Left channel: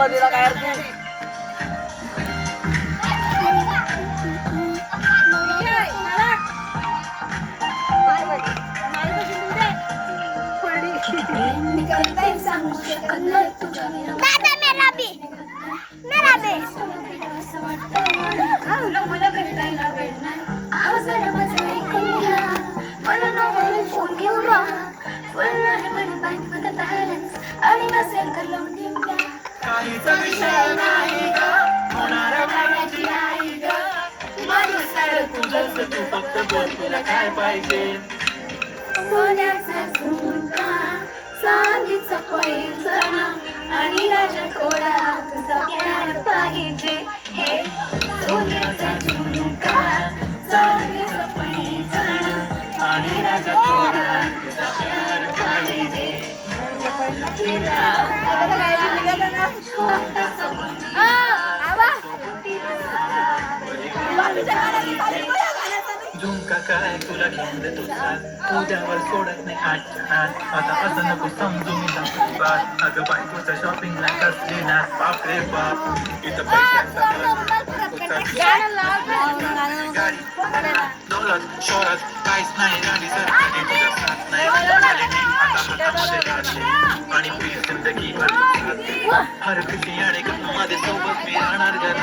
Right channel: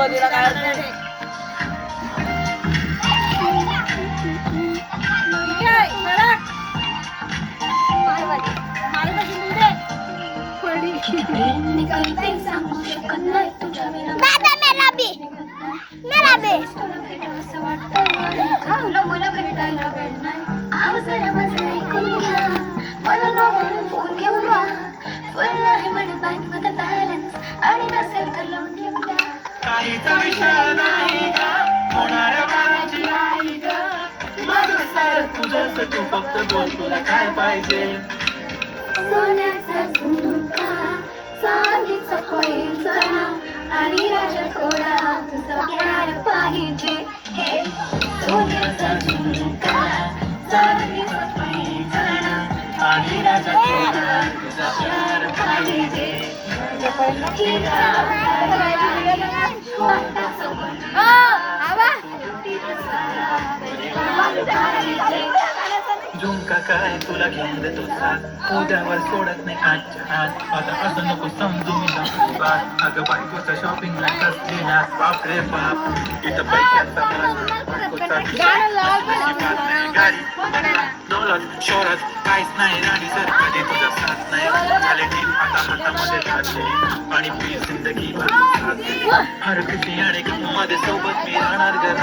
मधीला काय अर्थ तू फक्त बोल तुला काय पाहिजे सोन्याचा झुमका चांदीचा पैंजण आणि राजकोडा तुझा प्यार पाहिजे सोन्याचा झुमका चांदीचा पैंजण आणि राजकोडा तुझा प्यार पाहिजे झुमका काय तुला घेऊन देतो उद्यावर सोडत नाही आता असं नको समजू मी बात अगं बायकोच्या शॉपिंगला असलेला बापरे बाप इथं पैशांचा दौलत शहरात काहीच नाही राणी सर तुझा साथ नाही आणि प्लीज जिंदगी हर खुशी आणि माझ्या सोबत मी राहणार घर